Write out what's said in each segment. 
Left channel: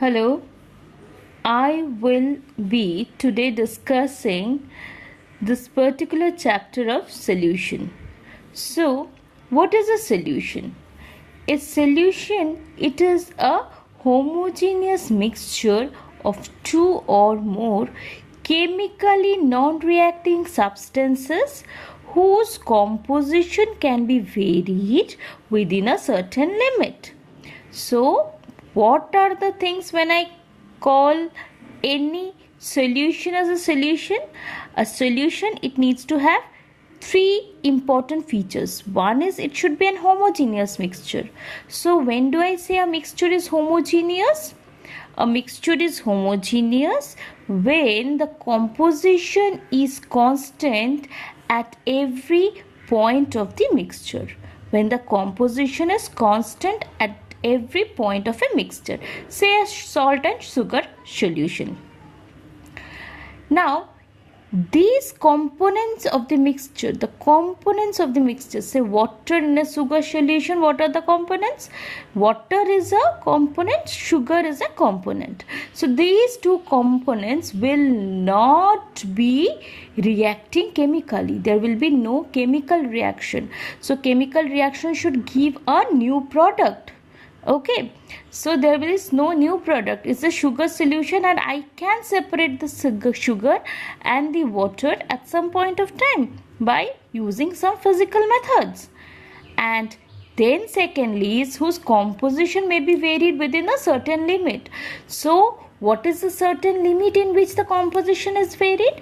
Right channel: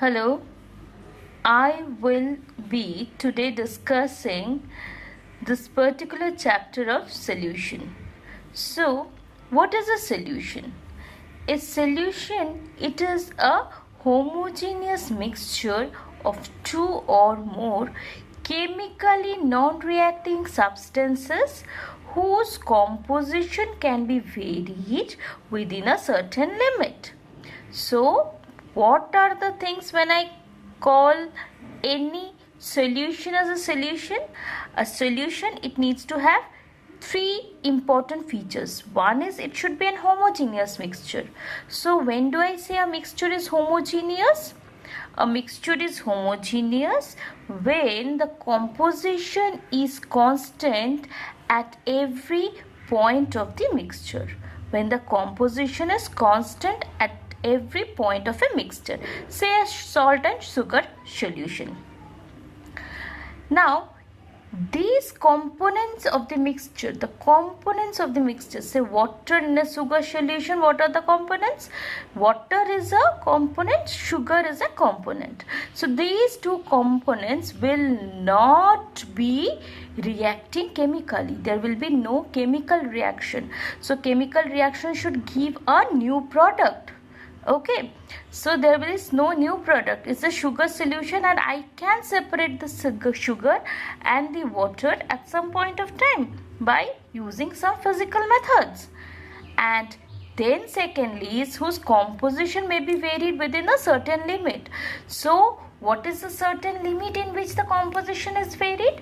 Hello, I will be today discussing this particular chapter of solution. So, what is a solution? A solution, it is a homogeneous mixture of two or more chemically non-reacting substances whose composition can be varied within a certain limit. So, what are the things when I call any solution as a solution? A solution, it needs to have three important features. One is it should be an homogeneous mixture. So, when do I say a mixture is homogeneous? A mixture is homogeneous when the composition is constant at every point of the mixture. When the composition is constant at every point of a mixture, say a salt and sugar solution. Now, these components of the mixture, say water in a sugar solution, what are the components? Water is a component, sugar is a component. So, these two components will not be reacting chemically. There will be no chemical reaction. So, chemical reaction should give a new product. Okay, so there is no new product. It's a sugar solution and I can separate the sugar and the water at some point of time by using some physical methods. And then secondly is whose composition may be varied within a certain limit. So what is the certain limit in which the composition is varied?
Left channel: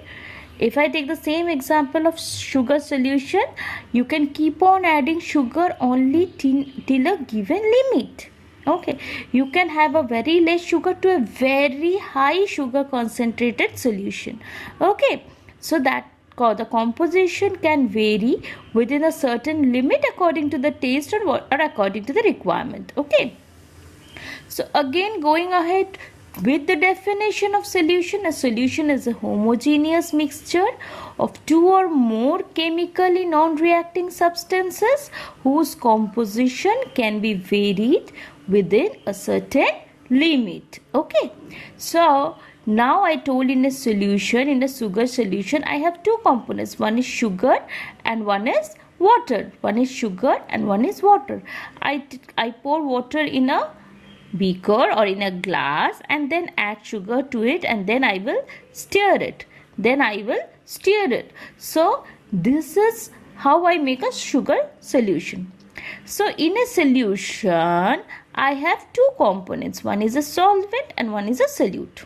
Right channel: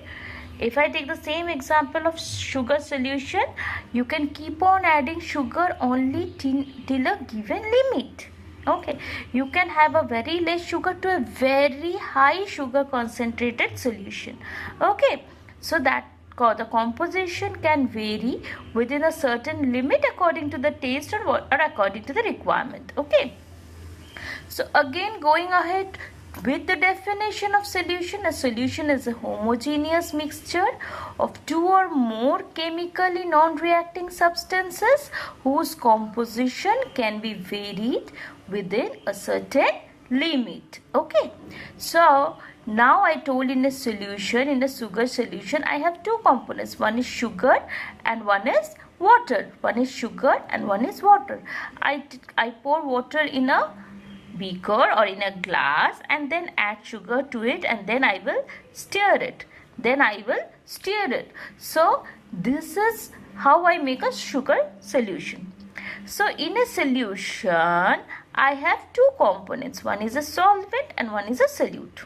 If I take the same example of sugar solution, you can keep on adding sugar only till a given limit. Okay, you can have a very less sugar to a very high sugar concentrated solution. Okay, so that the composition can vary within a certain limit according to the taste or according to the requirement. Okay, so again going ahead with the definition of solution, a solution is a homogeneous mixture of two or more chemically non-reacting substances whose composition can be varied within a certain limit. Okay, so now I told in a sugar solution, I have two components. One is sugar and one is water. One is sugar and one is water. I pour water in a beaker or in a glass and then add sugar to it and then I will stir it. So this is how I make a sugar solution. So in a solution, I have two components. One is a solvent and one is a solute.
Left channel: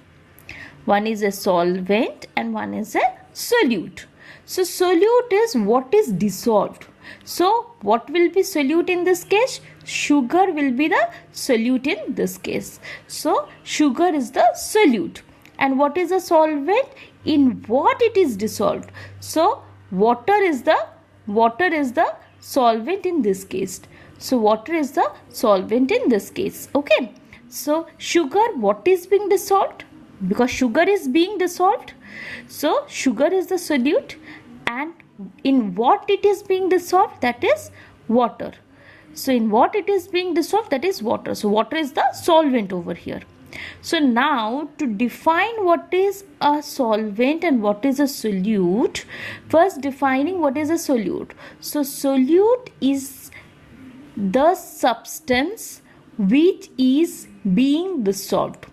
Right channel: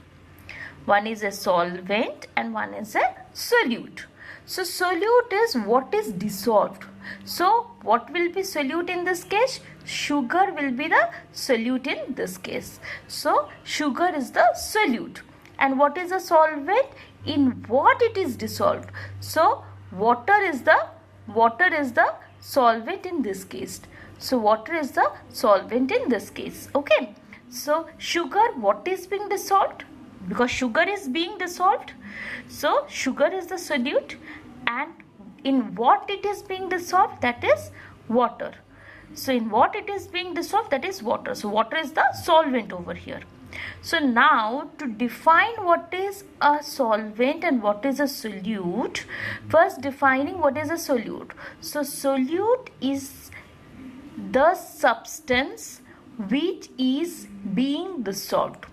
One is a solvent and one is a solute. So solute is what is dissolved. So what will be solute in this case? Sugar will be the solute in this case. So sugar is the solute. And what is a solvent? In what it is dissolved. So water is the solvent in this case. So water is the solvent in this case. Okay. So sugar, what is being dissolved? Because sugar is being dissolved. So sugar is the solute. And in what it is being dissolved? That is water. So in what it is being dissolved? That is water. So water is the solvent over here. So now to define what is a solvent and what is a solute, first defining what is a solute. So solute is the substance which is being dissolved.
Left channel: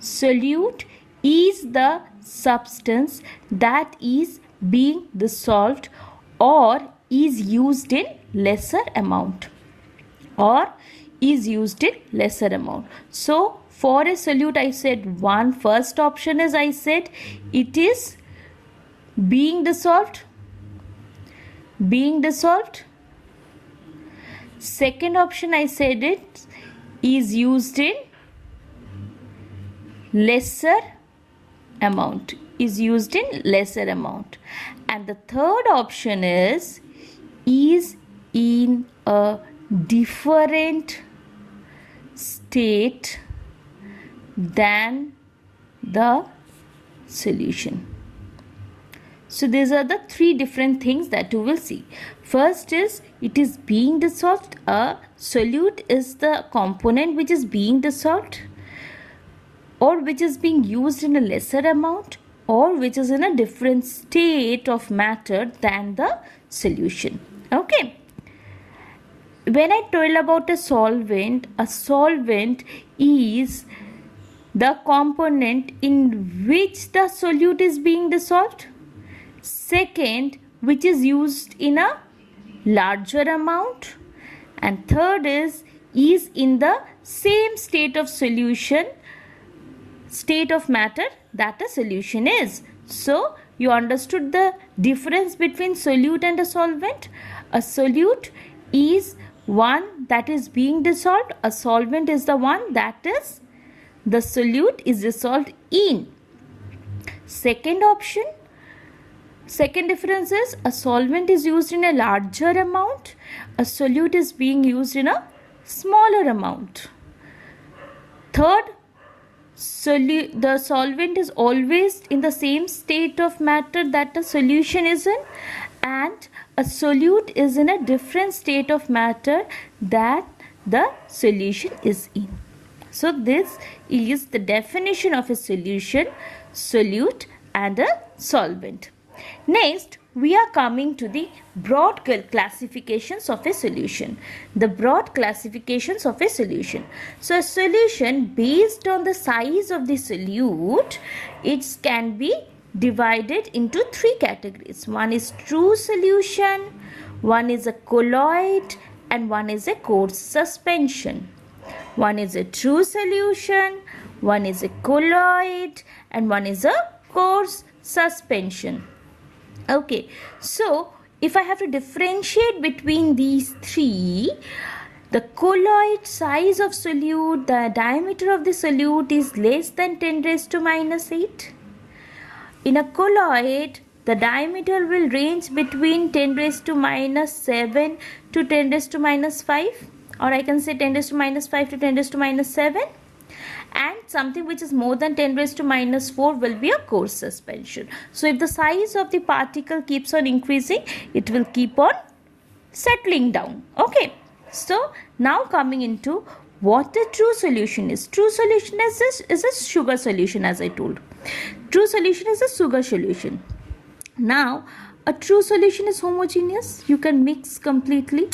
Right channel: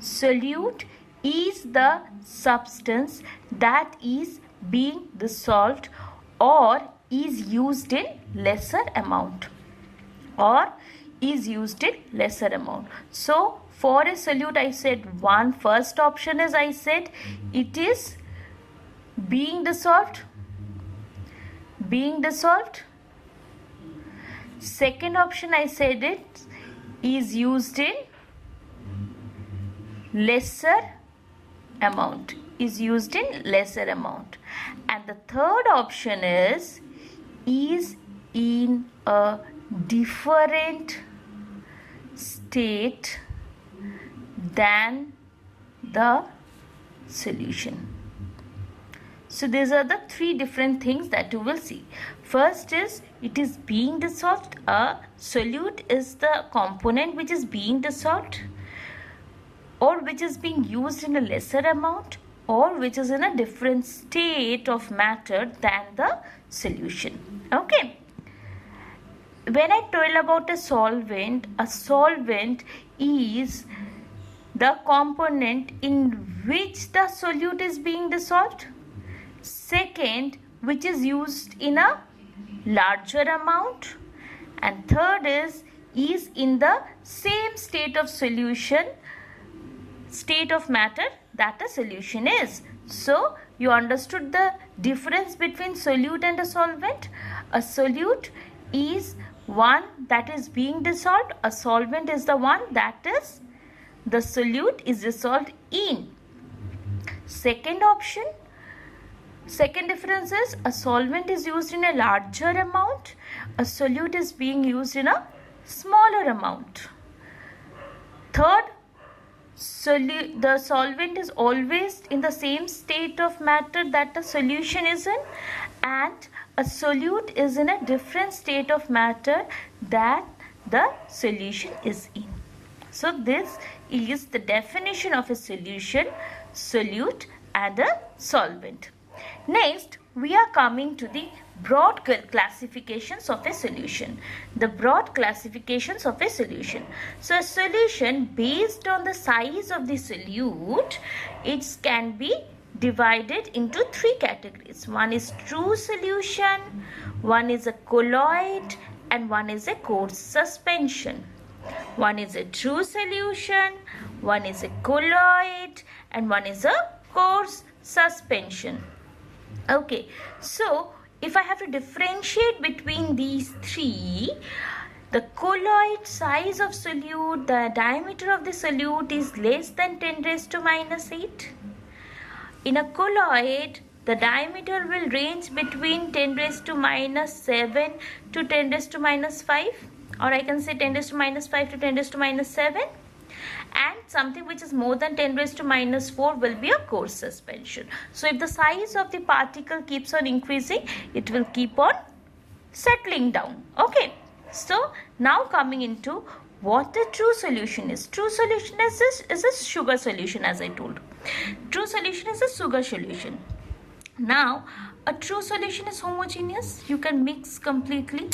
Solute is the substance that is being dissolved or is used in lesser amount. So for a solute I said first option is I said it is being dissolved. Second option I said it is used in lesser amount. And the third option is in a different state than the solution. So these are the three different things that you will see. First is it is being dissolved. A solute is the component which is being dissolved. or which is being used in a lesser amount, or which is in a different state of matter than the solution. Okay. When I tell about a solvent is the component in which the solute is being dissolved. Second, which is used in a larger amount. And third is in the same state of solution, state of matter that a solution is. So, you understood the difference between solute and a solvent. A solute is one that is being dissolved. A solvent is the one that is the solute is dissolved in. Second option, second difference is a solvent is used in a larger amount. A solute is being used in a smaller amount. Third, the solvent is always in the same state of matter that the solution is in, and a solute is in a different state of matter that the solution is in. So this is the definition of a solution, solute and a solvent. Next, we are coming to the broad classifications of a solution. The broad classifications of a solution. So, a solution based on the size of the solute, it can be divided into three categories. One is true solution, one is a colloid, and one is a coarse suspension. One is a true solution, one is a colloid, and one is a coarse suspension. Okay, so if I have to differentiate between these three, the colloid size of solute, the diameter of the solute is less than 10 raised to minus 8. In a colloid, the diameter will range between 10 raised to minus 7 to 10 raised to minus 5, or I can say 10 raised to minus 5 to 10 raised to minus 7. And something which is more than 10 raised to minus 4 will be a coarse suspension. So if the size of the particle keeps on increasing, it will keep on settling down. Okay. So now coming into what a true solution is. True solution is a sugar solution, as I told. True solution is a sugar solution. Now, a true solution is homogeneous. You can mix completely.